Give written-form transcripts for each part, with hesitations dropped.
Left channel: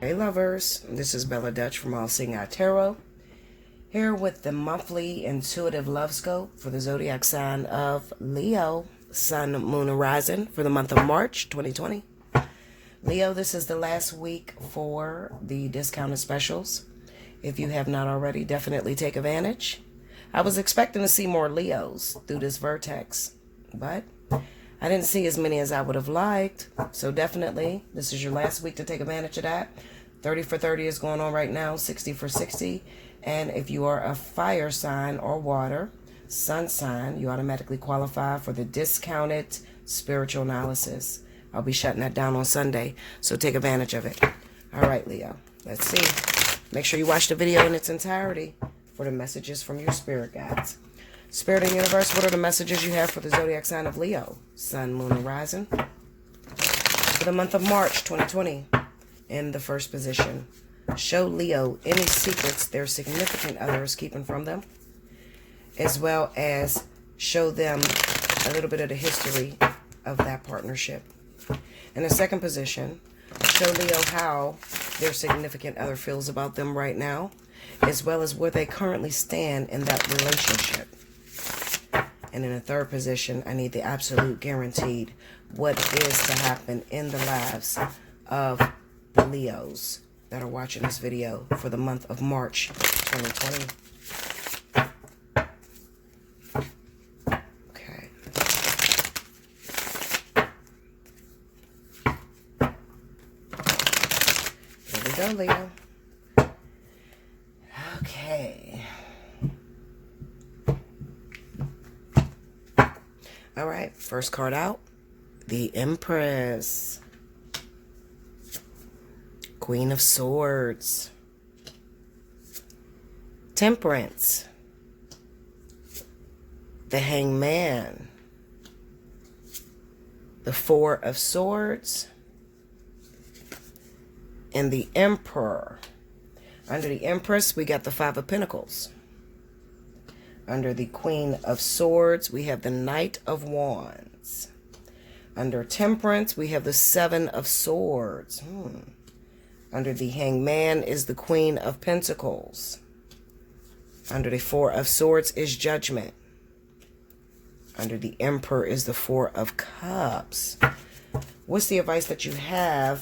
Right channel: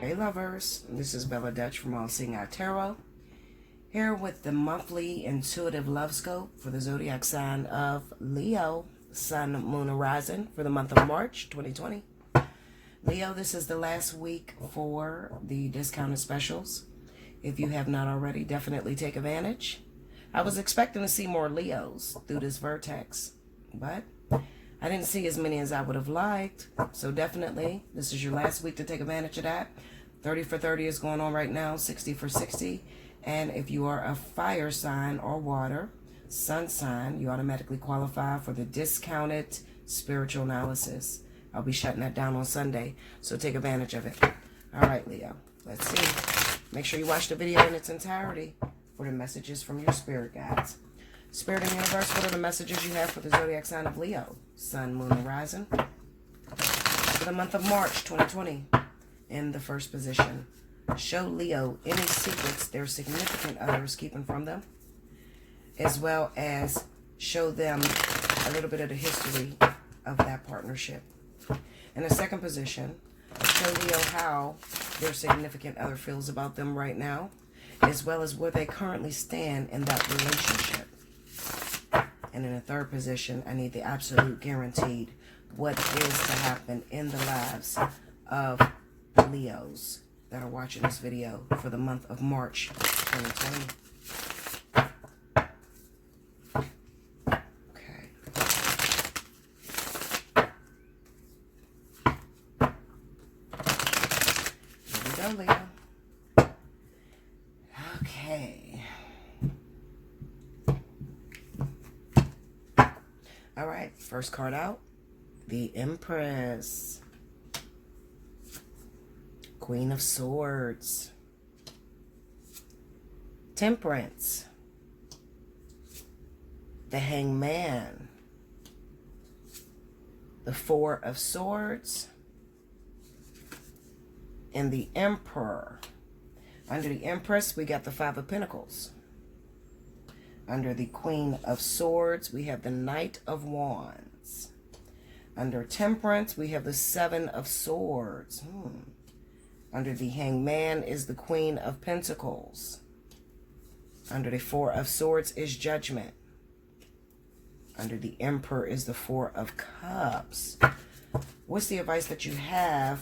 Hey lovers, this is Bella Dutch from Allseeingeyetarot, here with the monthly intuitive love scope for the zodiac sign of Leo, Sun, Moon, and Rising for the month of March 2020. Leo, this is the last week for the discounted specials. If you have not already, definitely take advantage. I was expecting to see more Leos through this vertex, but I didn't see as many as I would have liked. So definitely, this is your last week to take advantage of that. 30 for 30 is going on right now, 60 for 60. And if you are a fire sign or water, sun sign, you automatically qualify for the discounted spiritual analysis. I'll be shutting that down on Sunday, so take advantage of it. All right, Leo, let's see. Make sure you watch the video in its entirety for the messages from your spirit guides. Spirit and universe, what are the messages you have for the zodiac sign of Leo, Sun, Moon, and Rising for the month of March 2020? In the first position, show Leo any secrets their significant other is keeping from them, as well as show them a little bit of the history of that partnership. In the second position, show Leo how their significant other feels about them right now, as well as where they currently stand in that relationship. And in the third position, I need the absolute guaranteed what is to happen in the lives of the Leos that are watching this video for the month of March 2020. Okay. Here we go, Leo. Okay. All right, first card out, the Empress. Queen of Swords, Temperance, the Hangman, the Four of Swords, and the Emperor. Under the Empress, we got the Five of Pentacles. Under the Queen of Swords, we have the Knight of Wands. Under Temperance, we have the Seven of Swords. Under the Hangman is the Queen of Pentacles. Under the Four of Swords is Judgment. Under the Emperor is the Four of Cups. What's the advice that you have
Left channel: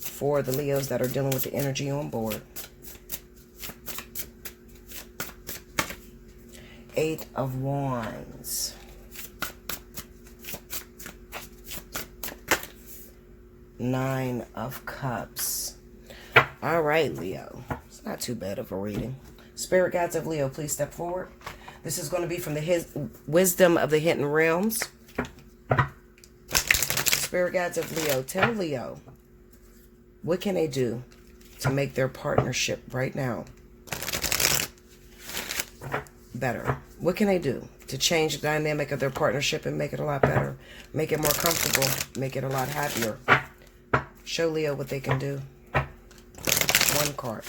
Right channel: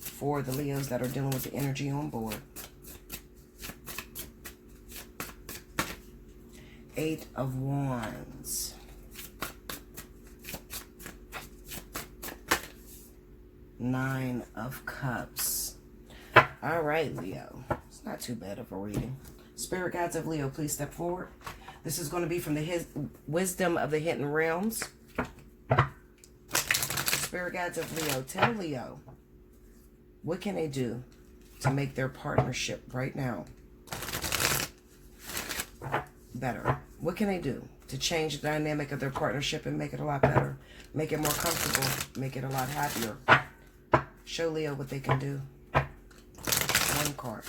for the Leos that are dealing with the energy on board? Eight of Wands. Nine of Cups. All right, Leo. It's not too bad of a reading. Spirit guides of Leo, please step forward. This is going to be from the Wisdom of the Hidden Realms. Spirit guides of Leo, tell Leo, what can they do to make their partnership right now better? What can they do to change the dynamic of their partnership and make it a lot better? Make it more comfortable, make it a lot happier. Show Leo what they can do. One card.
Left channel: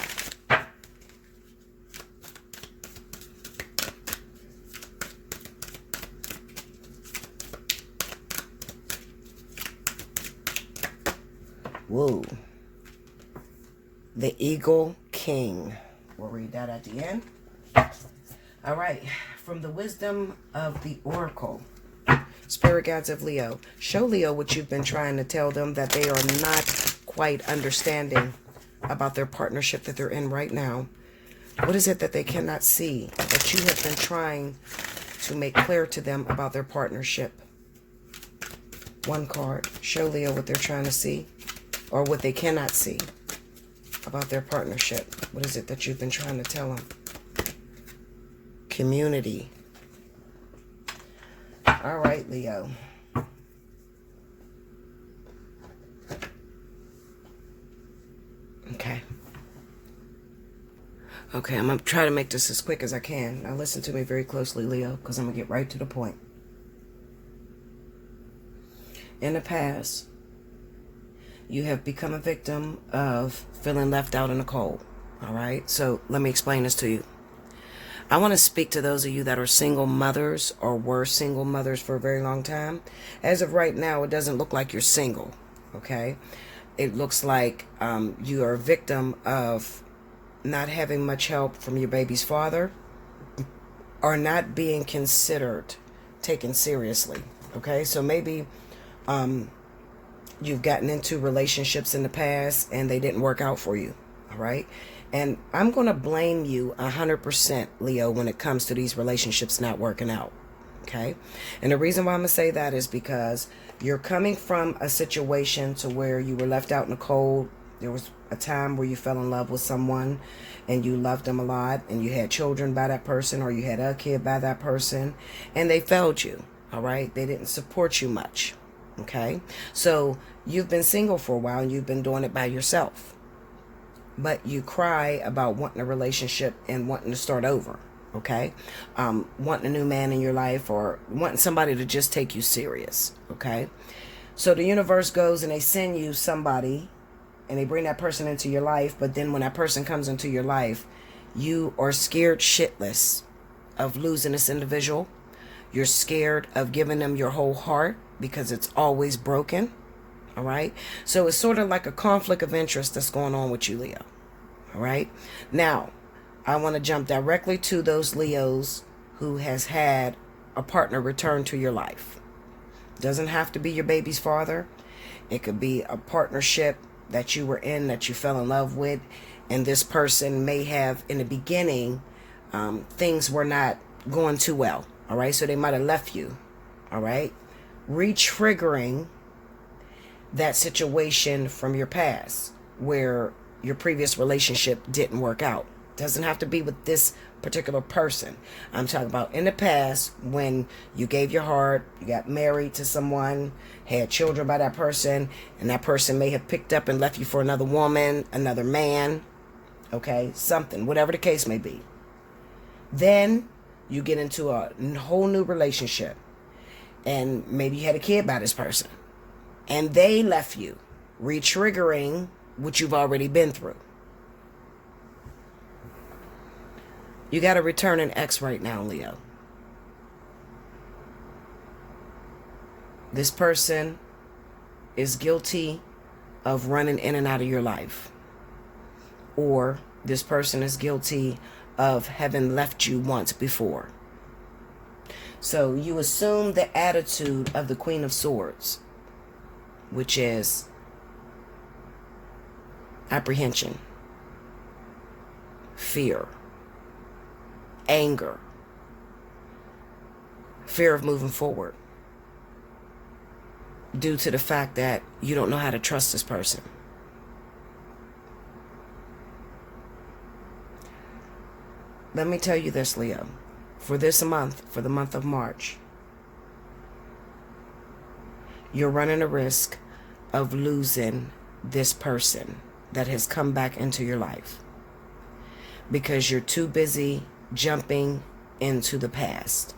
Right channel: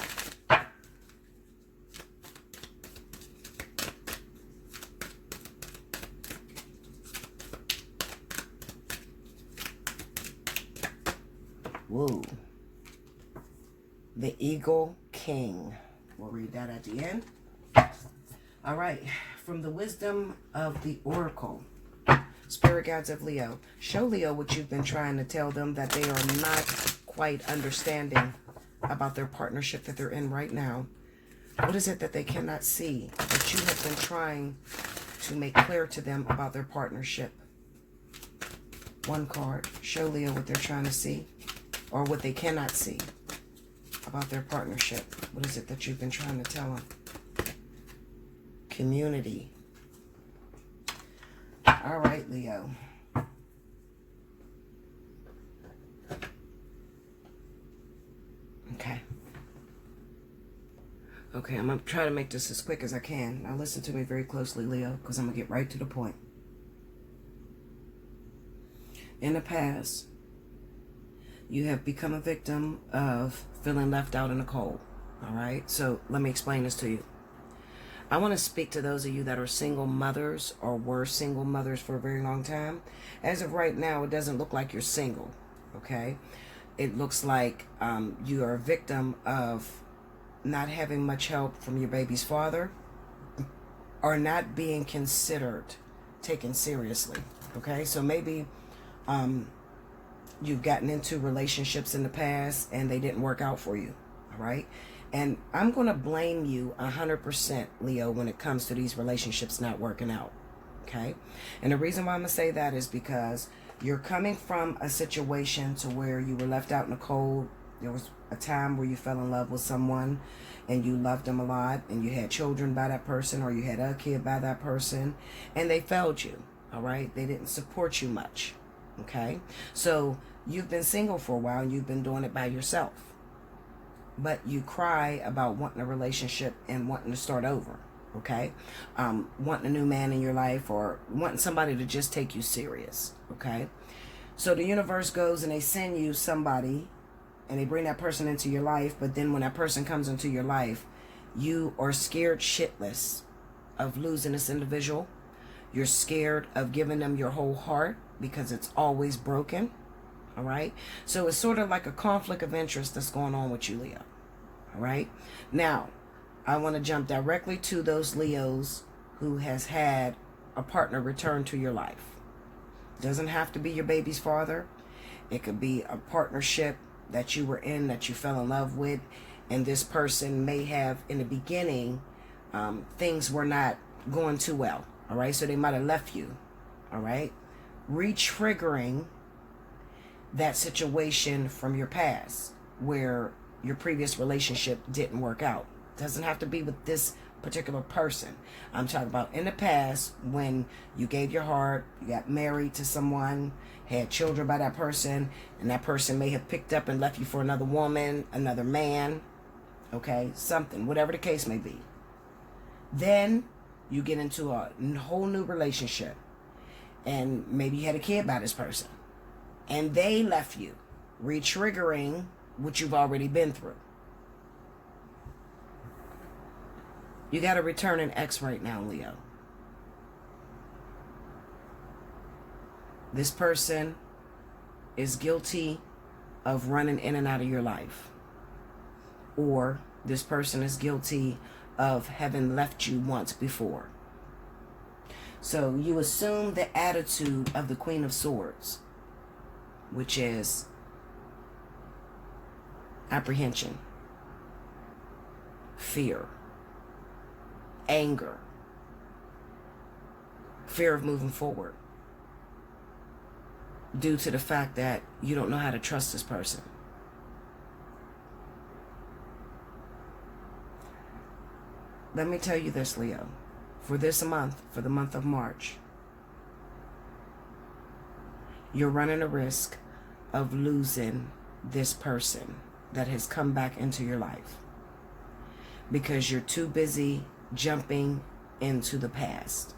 Whoa. The Eagle King. We'll read that at the end. All right. From the Wisdom of the Oracle. Spirit guides of Leo, show Leo what you've been trying to tell them that they are not quite understanding about their partnership that they're in right now. What is it that they cannot see that you have been trying to make clear to them about their partnership? One card. Show Leo what they're trying to see or what they cannot see about their partnership. What is it that you've been trying to tell them? Community. All right, Leo. Okay, I'm going to try to make this as quick as I can. Now listen to me very closely, Leo, because I'm going to get right to the point. In the past, you have become a victim of feeling left out in the cold. All right? So let me explain this to you. I want to speak to those of you that are single mothers or were single mothers for a very long time. As of right now, it doesn't look like you're single. Okay? It looks like you are a victim of not having much help from your baby's father, or not being considered, taken seriously. Okay, so maybe you've gotten into relationships in the past and they didn't work out for you. All right, and I'm going to blame you 100%, Leo, when it comes to these relationships not working out. Okay, and the reason why I'm going to say that is because you're coming from a situation to where you were left out in the cold. There was a time where you fell in love with someone and you loved them a lot, and you had children by that person, or you had a kid by that person, and they failed you. All right, they didn't support you much. Okay, so you've been single for a while and you've been doing it by yourself, but you cry about wanting a relationship and wanting to start over. Okay, wanting a new man in your life, or wanting somebody to just take you serious. Okay, so the universe goes and they send you somebody and they bring that person into your life, but then when that person comes into your life, you are scared shitless of losing this individual. You're scared of giving them your whole heart because it's always broken. All right, so it's sort of like a conflict of interest that's going on with you, Leo. All right, now I want to jump directly to those Leos who has had a partner return to your life. Doesn't have to be your baby's father. It could be a partnership that you were in, that you fell in love with, and this person may have, in the beginning, things were not going too well. All right, so they might have left you. All right, re-triggering that situation from your past where your previous relationship didn't work out. Doesn't have to be with this particular person. I'm talking about in the past when you gave your heart, you got married to someone, had children by that person, and that person may have picked up and left you for another woman, another man, okay, something, whatever the case may be. Then you get into a whole new relationship, and maybe you had a kid by this person, and they left you, re-triggering what you've already been through. You got to return an ex right now, Leo. This person is guilty of running in and out of your life. Or this person is guilty of having left you once before. So you assume the attitude of the Queen of Swords, which is apprehension, fear, anger, fear of moving forward, due to the fact that you don't know how to trust this person. Let me tell you this, Leo. For this month, for the month of March, you're running a risk of losing this person that has come back into your life because you're too busy jumping into the past.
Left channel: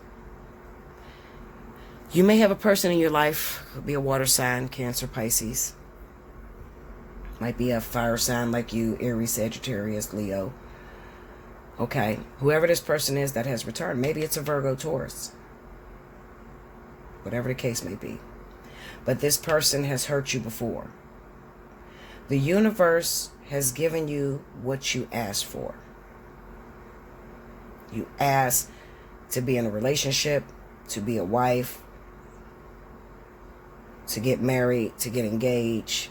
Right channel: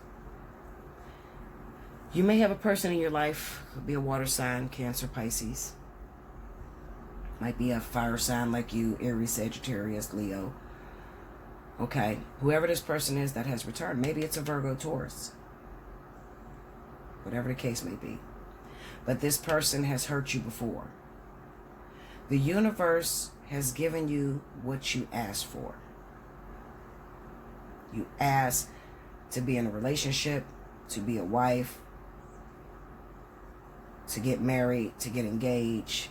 You may have a person in your life, could be a water sign, Cancer, Pisces. Might be a fire sign like you, Aries, Sagittarius, Leo. Okay, whoever this person is that has returned, maybe it's a Virgo, Taurus. Whatever the case may be. But this person has hurt you before. The universe has given you what you asked for. You asked to be in a relationship, to be a wife, to get married, to get engaged.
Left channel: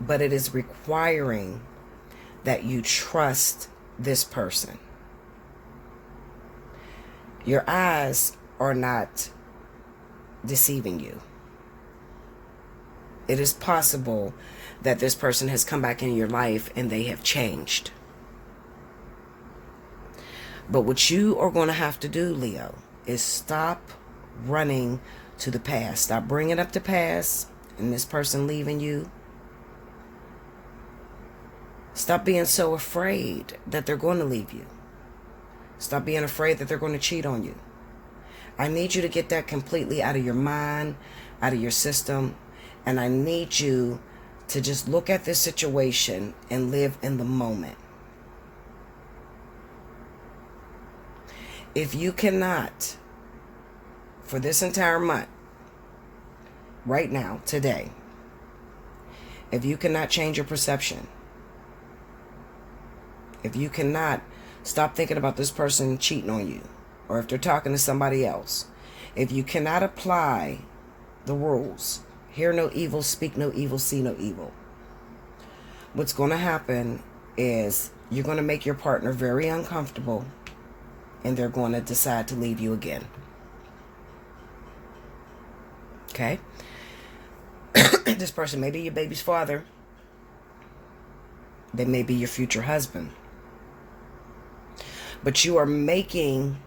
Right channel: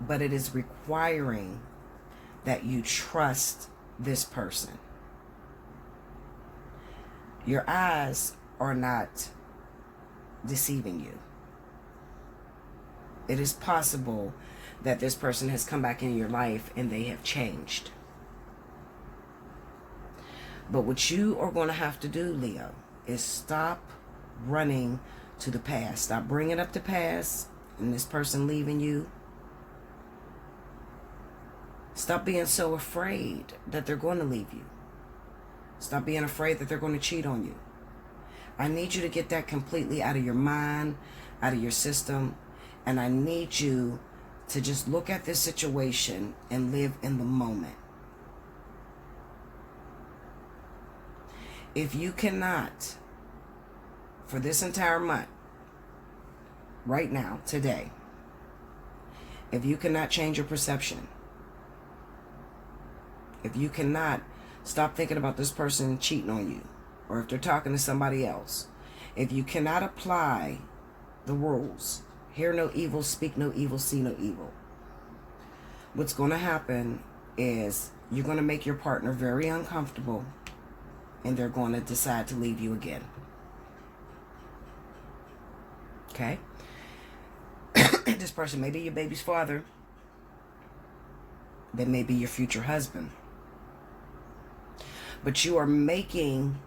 But it is requiring that you trust this person. Your eyes are not deceiving you. It is possible that this person has come back in your life and they have changed. But what you are going to have to do, Leo, is stop running to the past. Stop bringing up the past and this person leaving you. Stop being so afraid that they're going to leave you. Stop being afraid that they're going to cheat on you. I need you to get that completely out of your mind, out of your system, and I need you to just look at this situation and live in the moment. If you cannot, for this entire month, right now, today, If you cannot change your perception, if you cannot stop thinking about this person cheating on you, or if they're talking to somebody else, if you cannot apply the rules, hear no evil, speak no evil, see no evil, what's going to happen is you're going to make your partner very uncomfortable, and they're going to decide to leave you again. Okay? This person may be your baby's father. They may be your future husband. But you are making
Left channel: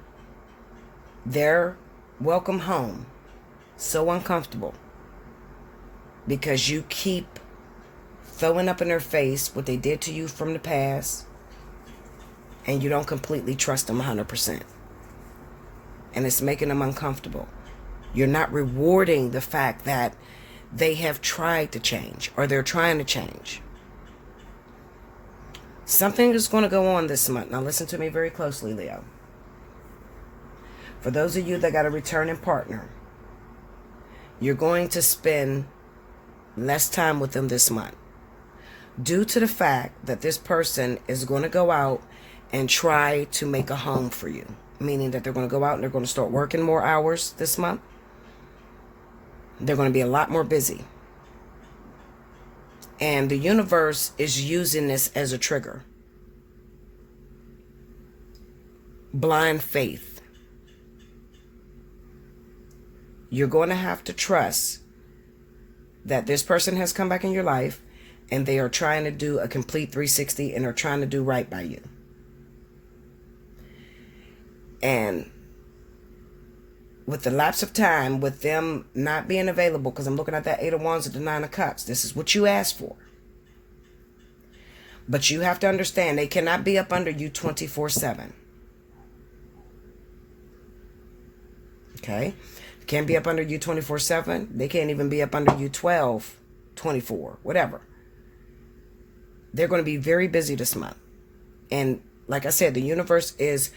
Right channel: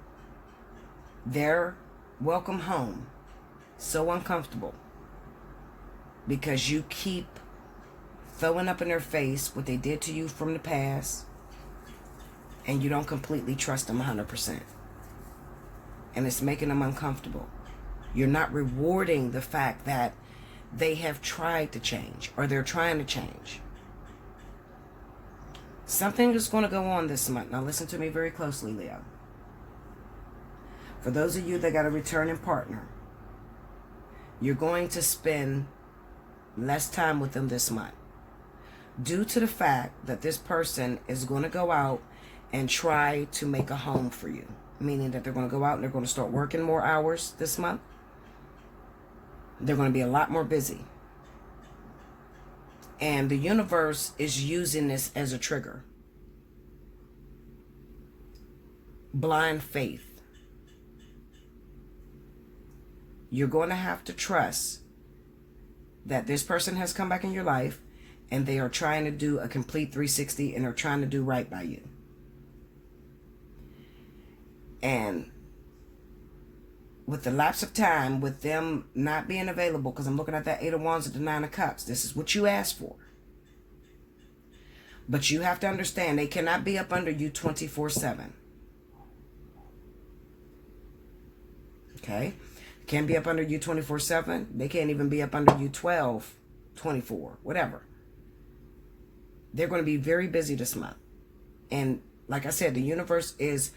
their welcome home so uncomfortable because you keep throwing up in their face what they did to you from the past, and you don't completely trust them 100%. And it's making them uncomfortable. You're not rewarding the fact that they have tried to change, or they're trying to change. Something is going to go on this month. Now listen to me very closely, Leo. For those of you that got a returning partner, you're going to spend less time with them this month, due to the fact that this person is going to go out and try to make a home for you. Meaning that they're going to go out and they're going to start working more hours this month. They're going to be a lot more busy. And the universe is using this as a trigger. Blind faith. You're going to have to trust that this person has come back in your life and they are trying to do a complete 360 and are trying to do right by you. And with the lapse of time, with them not being available, because I'm looking at that 8 of Wands at the 9 of Cups. This is what you asked for. But you have to understand, they cannot be up under you 24/7. Okay? Can't be up under you 24/7. They can't even be up under you 12, 24, whatever. They're going to be very busy this month. And like I said, the universe is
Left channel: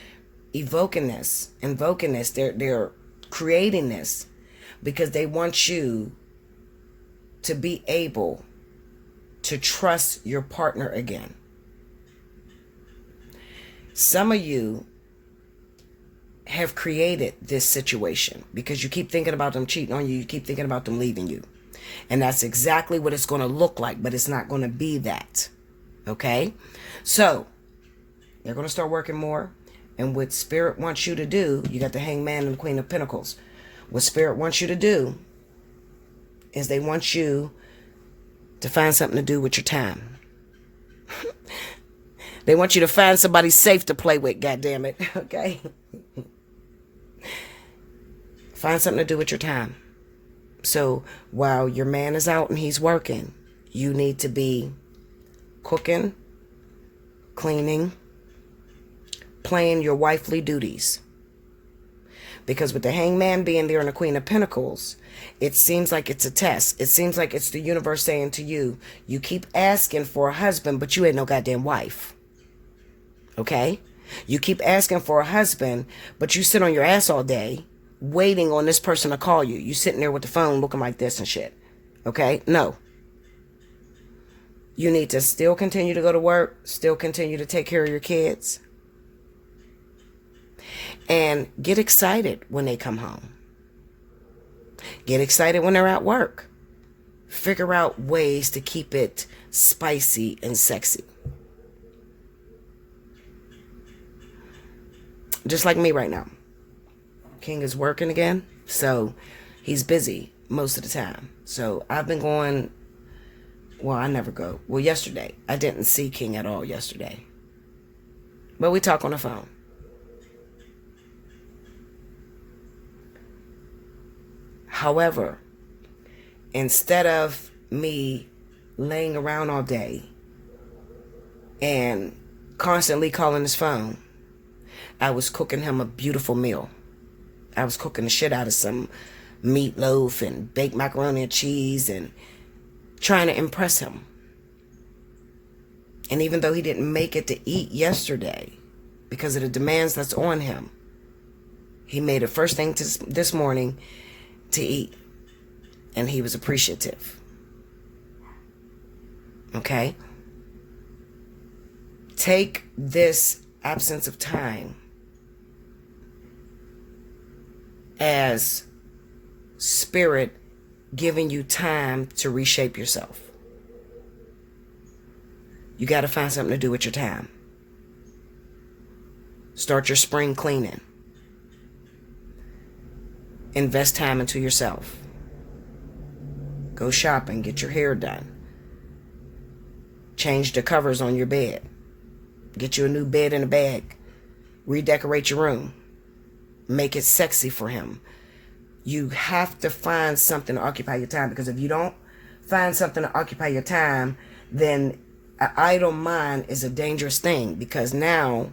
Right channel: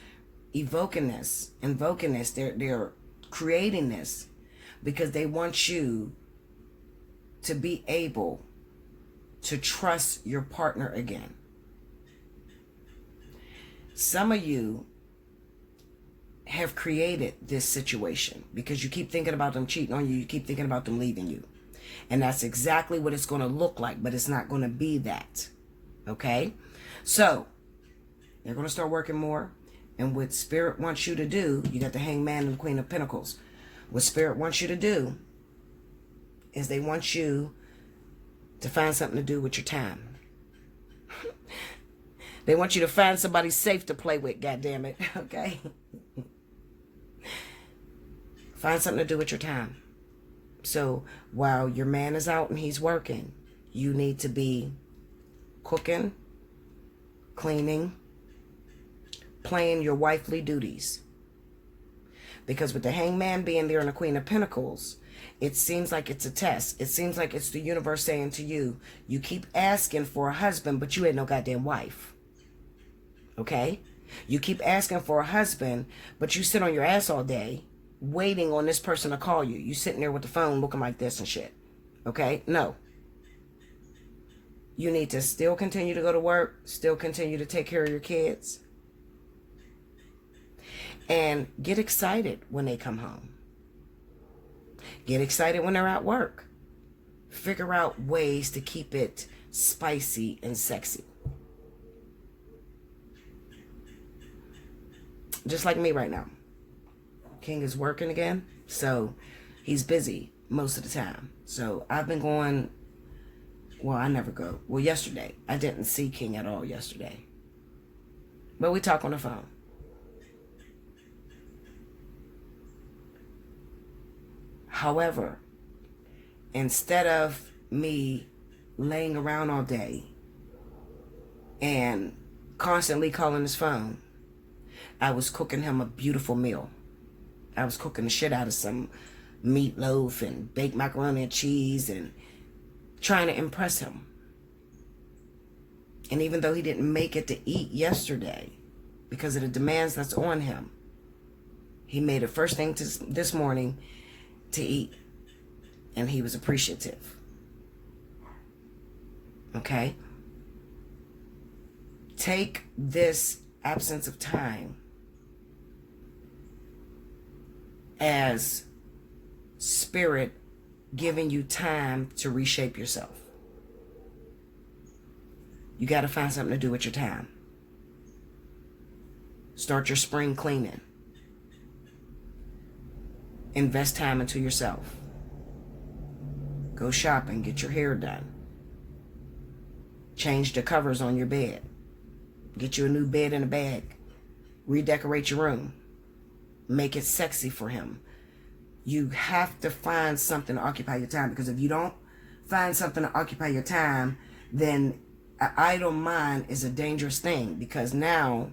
invoking this. They're creating this because they want you to be able to trust your partner again. Some of you have created this situation because you keep thinking about them cheating on you. You keep thinking about them leaving you. And that's exactly what it's going to look like, but it's not going to be that. Okay? So, they're going to start working more. And what Spirit wants you to do, you got the Hangman and the Queen of Pentacles. What Spirit wants you to do is they want you to find something to do with your time. They want you to find somebody safe to play with, goddammit. Okay? Find something to do with your time. So while your man is out and he's working, you need to be cooking, cleaning, playing your wifely duties. Because with the Hangman being there and the Queen of Pentacles, it seems like it's a test. It seems like it's the universe saying to you, you keep asking for a husband, but you ain't no goddamn wife. Okay? You keep asking for a husband, but you sit on your ass all day waiting on this person to call you. You sitting there with the phone looking like this and shit. Okay? No. You need to still continue to go to work, still continue to take care of your kids. And get excited when they come home. Get excited when they're at work. Figure out ways to keep it spicy and sexy. Just like me right now. King is working again, so he's busy most of the time. So I've been going, well, I never go. Well, yesterday, I didn't see King at all yesterday. But we talk on the phone. However, instead of me laying around all day and constantly calling his phone, I was cooking him a beautiful meal. I was cooking the shit out of some meatloaf and baked macaroni and cheese and trying to impress him. And even though he didn't make it to eat yesterday because of the demands that's on him, he made it first thing this morning to eat. And he was appreciative. Okay? Take this absence of time as spirit giving you time to reshape yourself. You got to find something to do with your time. Start your spring cleaning. Invest time into yourself. Go shopping, get your hair done. Change the covers on your bed. Get you a new bed in a bag. Redecorate your room. Make it sexy for him. You have to find something to occupy your time, because if you don't find something to occupy your time, then an idle mind is a dangerous thing, because now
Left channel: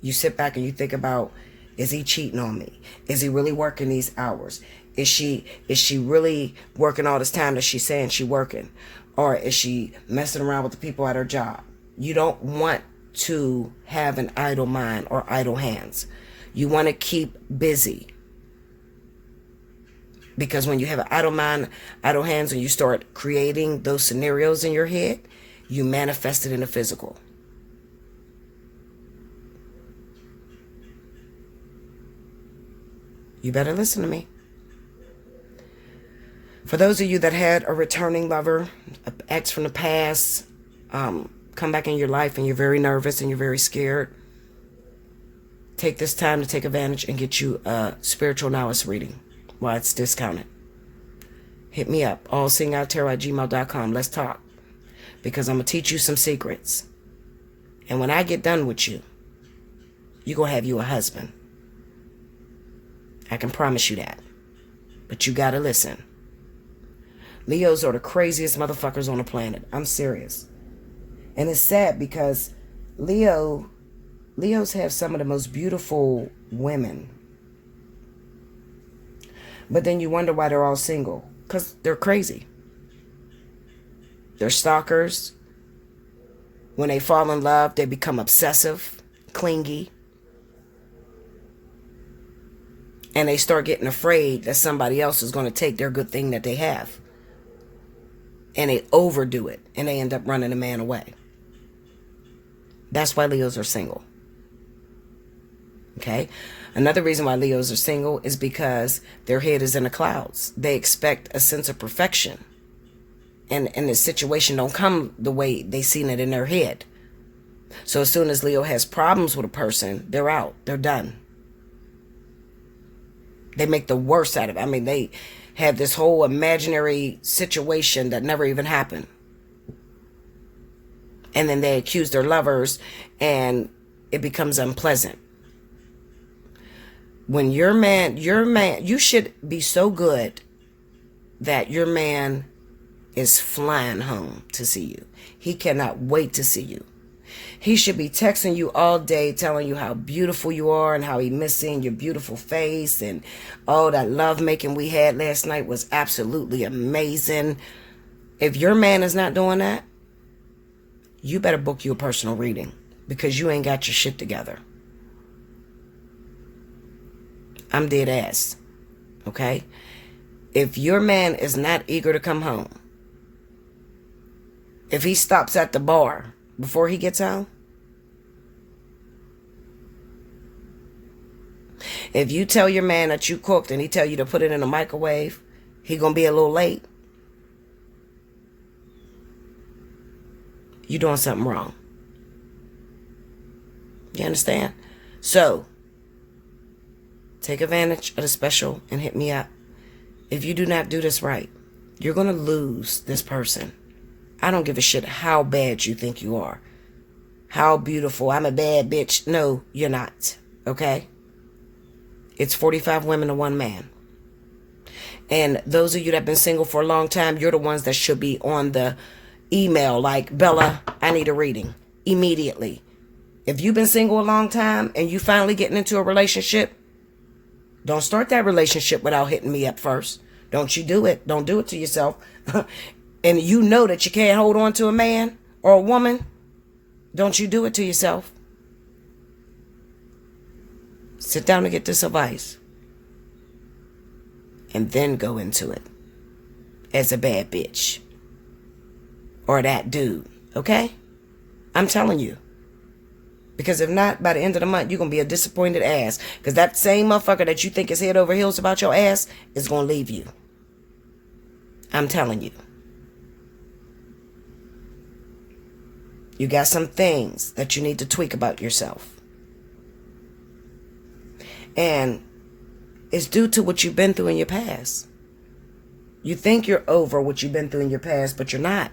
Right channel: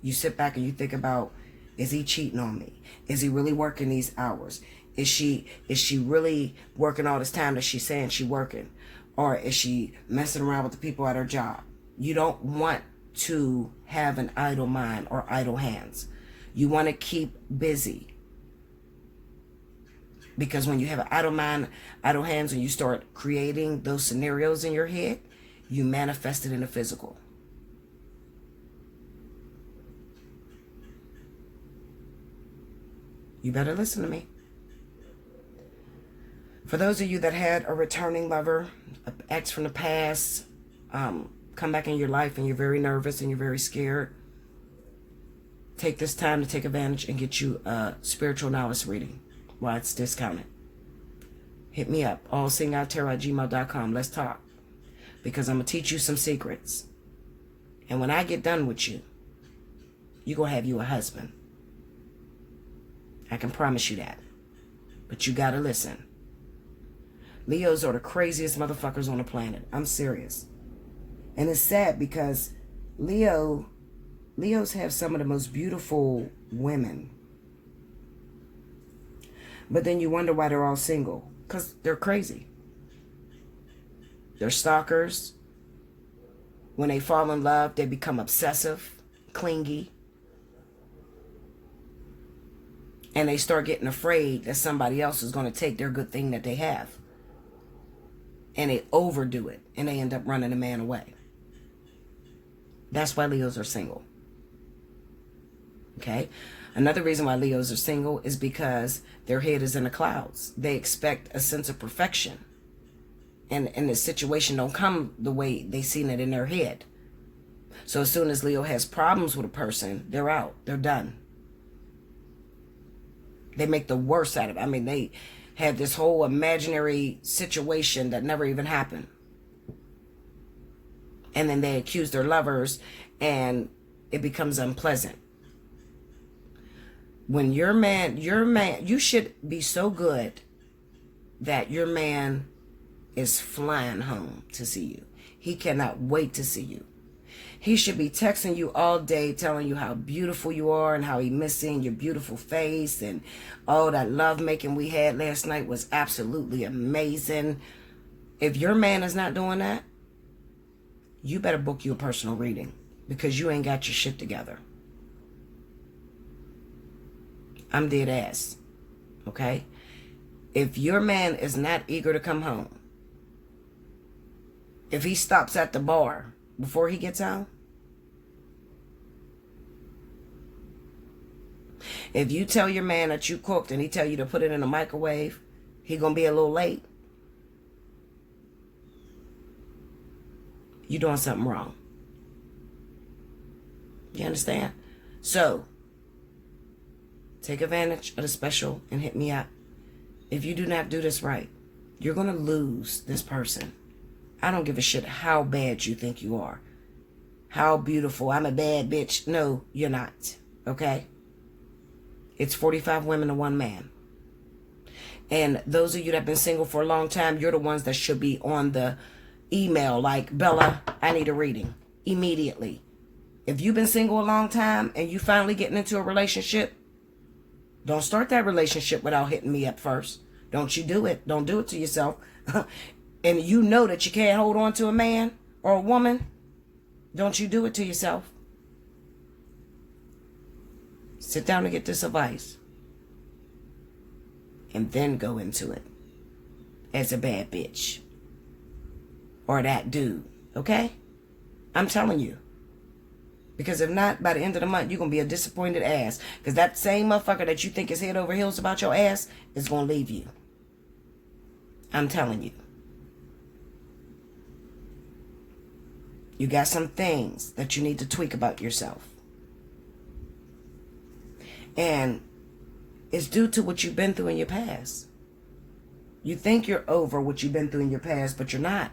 you sit back and you think about, is he cheating on me? Is he really working these hours? Is she really working all this time that she's saying she's working? Or is she messing around with the people at her job? You don't want to have an idle mind or idle hands. You want to keep busy. Because when you have an idle mind, idle hands, and you start creating those scenarios in your head, you manifest it in the physical. You better listen to me. For those of you that had a returning lover, an ex from the past, come back in your life and you're very nervous and you're very scared, take this time to take advantage and get you a spiritual knowledge reading while it's discounted. Hit me up, allseeingeyetarot@gmail.com. Let's talk. Because I'm going to teach you some secrets. And when I get done with you, you're going to have you a husband. I can promise you that. But you got to listen. Leos are the craziest motherfuckers on the planet. I'm serious. And it's sad because Leos have some of the most beautiful women. But then you wonder why they're all single. Because they're crazy. They're stalkers. When they fall in love, they become obsessive, clingy. And they start getting afraid that somebody else is going to take their good thing that they have. And they overdo it. And they end up running a man away. That's why Leos are single. Okay? Another reason why Leos are single is because their head is in the clouds. They expect a sense of perfection. And the situation don't come the way they seen it in their head. So as soon as Leo has problems with a person, they're out. They're done. They make the worst out of it. I mean, they have this whole imaginary situation that never even happened. And then they accuse their lovers and it becomes unpleasant. When your man, you should be so good that your man is flying home to see you. He cannot wait to see you. He should be texting you all day, telling you how beautiful you are and how he missed seeing your beautiful face. And oh, that love making we had last night was absolutely amazing. If your man is not doing that, you better book you a personal reading, because you ain't got your shit together. I'm dead ass. Okay? If your man is not eager to come home, if he stops at the bar before he gets home, if you tell your man that you cooked and he tell you to put it in the microwave, he gonna be a little late, you doing something wrong. You understand? So, take advantage of the special and hit me up. If you do not do this right, you're gonna lose this person. I don't give a shit how bad you think you are. How beautiful. I'm a bad bitch. No, you're not. Okay? It's 45 women to one man. And those of you that have been single for a long time, you're the ones that should be on the email like, Bella, I need a reading. Immediately. If you've been single a long time and you finally getting into a relationship, don't start that relationship without hitting me up first. Don't you do it. Don't do it to yourself. And you know that you can't hold on to a man or a woman, don't you do it to yourself. Sit down and get this advice. And then go into it as a bad bitch. Or that dude. Okay? I'm telling you. Because if not, by the end of the month, you're going to be a disappointed ass. Because that same motherfucker that you think is head over heels about your ass is going to leave you. I'm telling you. You got some things that you need to tweak about yourself. And it's due to what you've been through in your past. You think you're over what you've been through in your past, but you're not.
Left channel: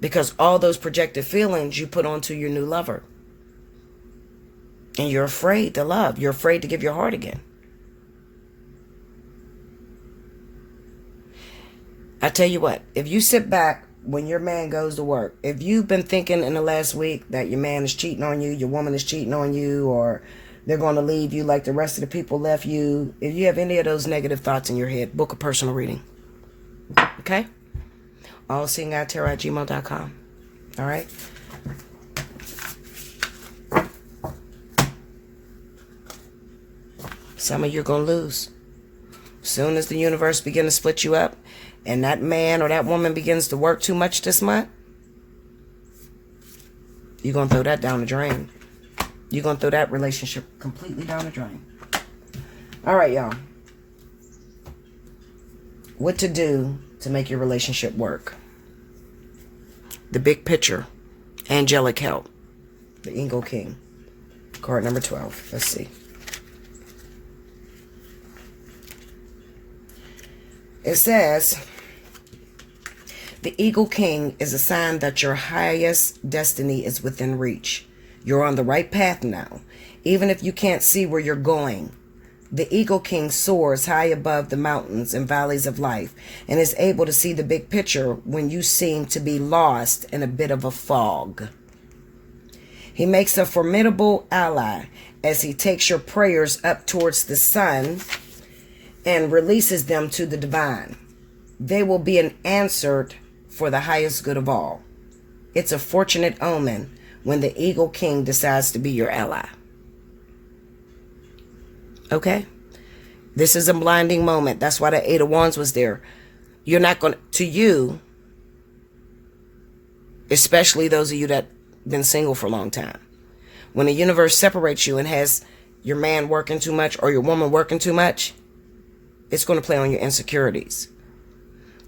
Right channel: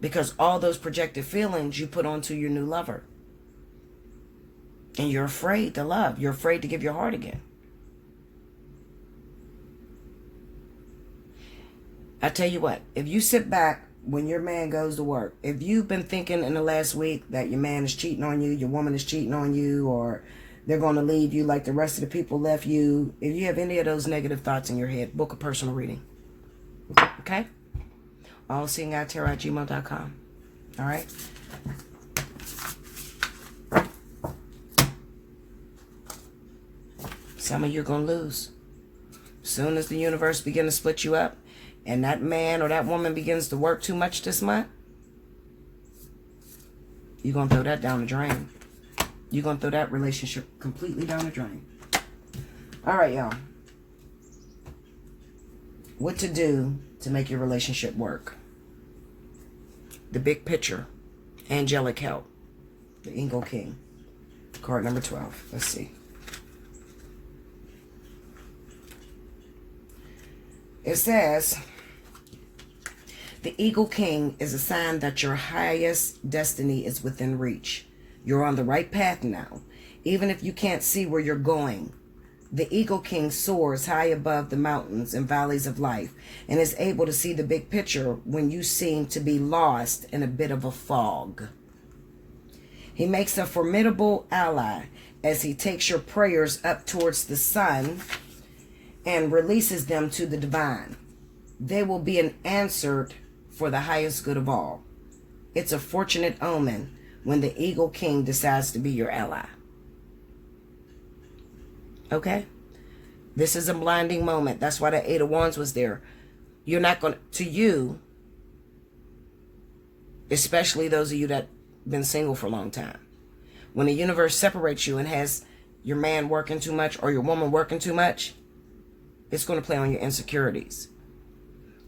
Because all those projected feelings you put onto your new lover. And you're afraid to love. You're afraid to give your heart again. I tell you what, if you sit back when your man goes to work, if you've been thinking in the last week that your man is cheating on you, your woman is cheating on you, or they're going to leave you like the rest of the people left you, if you have any of those negative thoughts in your head, book a personal reading. Okay? Allseeingeyetarot@gmail.com. All right? Some of you're going to lose. Soon as the universe begins to split you up, and that man or that woman begins to work too much this month, you're going to throw that down the drain. You're going to throw that relationship completely down the drain. All right, y'all. What to do to make your relationship work. The big picture. Angelic help. The Eagle King. Card number 12. Let's see. It says, the Eagle King is a sign that your highest destiny is within reach. You're on the right path now, even if you can't see where you're going. The Eagle King soars high above the mountains and valleys of life and is able to see the big picture when you seem to be lost in a bit of a fog. He makes a formidable ally as he takes your prayers up towards the sun and releases them to the divine. They will be answered for the highest good of all. It's a fortunate omen when the Eagle King decides to be your ally. Okay? This is a blinding moment. That's why the Eight of Wands was there. You're not going to you, especially those of you that been single for a long time. When the universe separates you and has your man working too much or your woman working too much, it's going to play on your insecurities.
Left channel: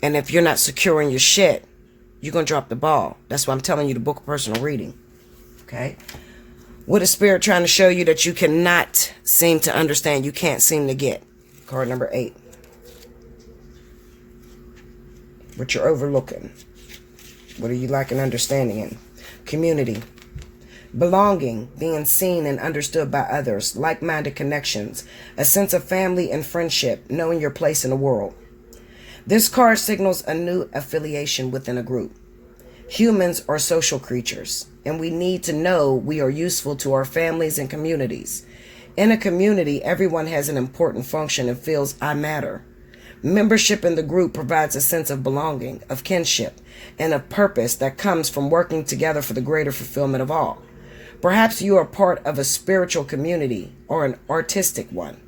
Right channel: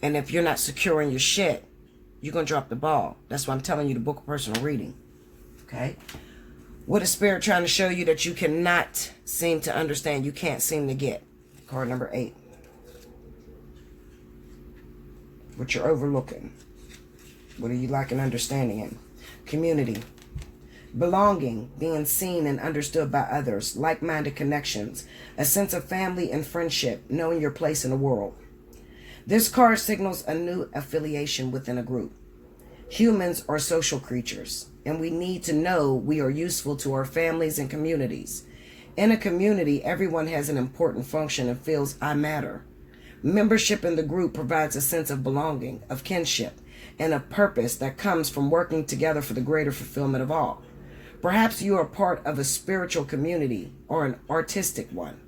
And if you're not securing your shit, you're going to drop the ball. That's why I'm telling you to book a personal reading. Okay? What is Spirit trying to show you that you cannot seem to understand, you can't seem to get? Card number 8. What you're overlooking. What are you lacking understanding in? Community. Belonging, being seen and understood by others, like-minded connections, a sense of family and friendship, knowing your place in the world. This card signals a new affiliation within a group. Humans are social creatures, and we need to know we are useful to our families and communities. In a community, everyone has an important function and feels I matter. Membership in the group provides a sense of belonging, of kinship, and of purpose that comes from working together for the greater fulfillment of all. Perhaps you are part of a spiritual community or an artistic one.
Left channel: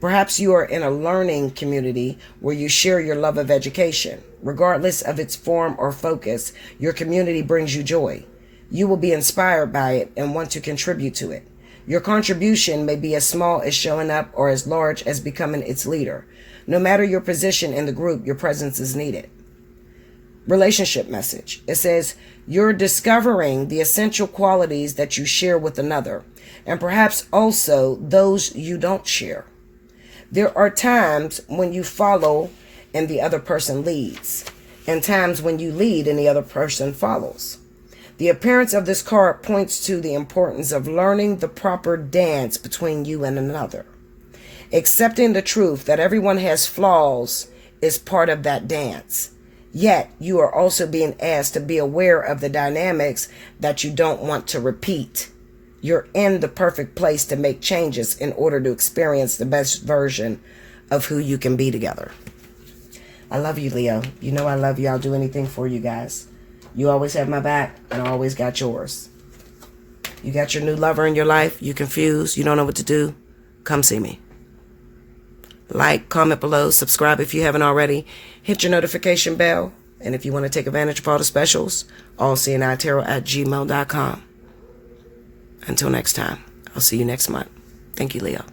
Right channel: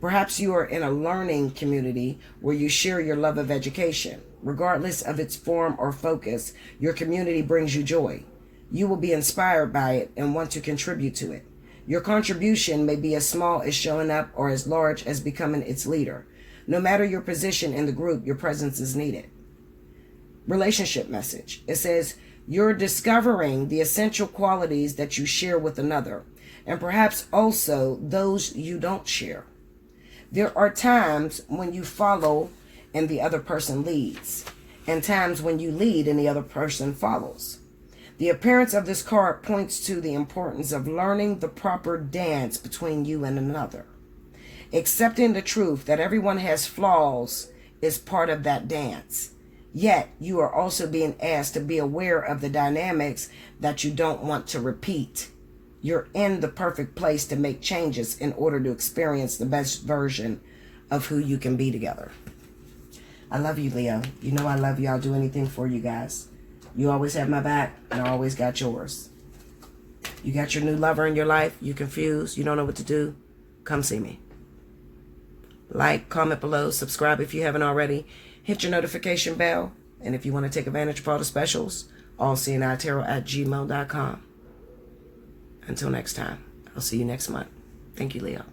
Perhaps you are in a learning community where you share your love of education. Regardless of its form or focus, your community brings you joy. You will be inspired by it and want to contribute to it. Your contribution may be as small as showing up or as large as becoming its leader. No matter your position in the group, your presence is needed. Relationship message. It says, you're discovering the essential qualities that you share with another, and perhaps also those you don't share. There are times when you follow and the other person leads, and times when you lead and the other person follows. The appearance of this card points to the importance of learning the proper dance between you and another. Accepting the truth that everyone has flaws is part of that dance. Yet, you are also being asked to be aware of the dynamics that you don't want to repeat. You're in the perfect place to make changes in order to experience the best version of who you can be together. I love you, Leo. You know I love you. I'll do anything for you guys. You always have my back, and I always got yours. You got your new lover in your life. You confused. You don't know what to do. Come see me. Like, comment below, subscribe if you haven't already. Hit your notification bell. And if you want to take advantage of all the specials, allseeingeyetarot@gmail.com. Until next time, I'll see you next month. Thank you, Leo.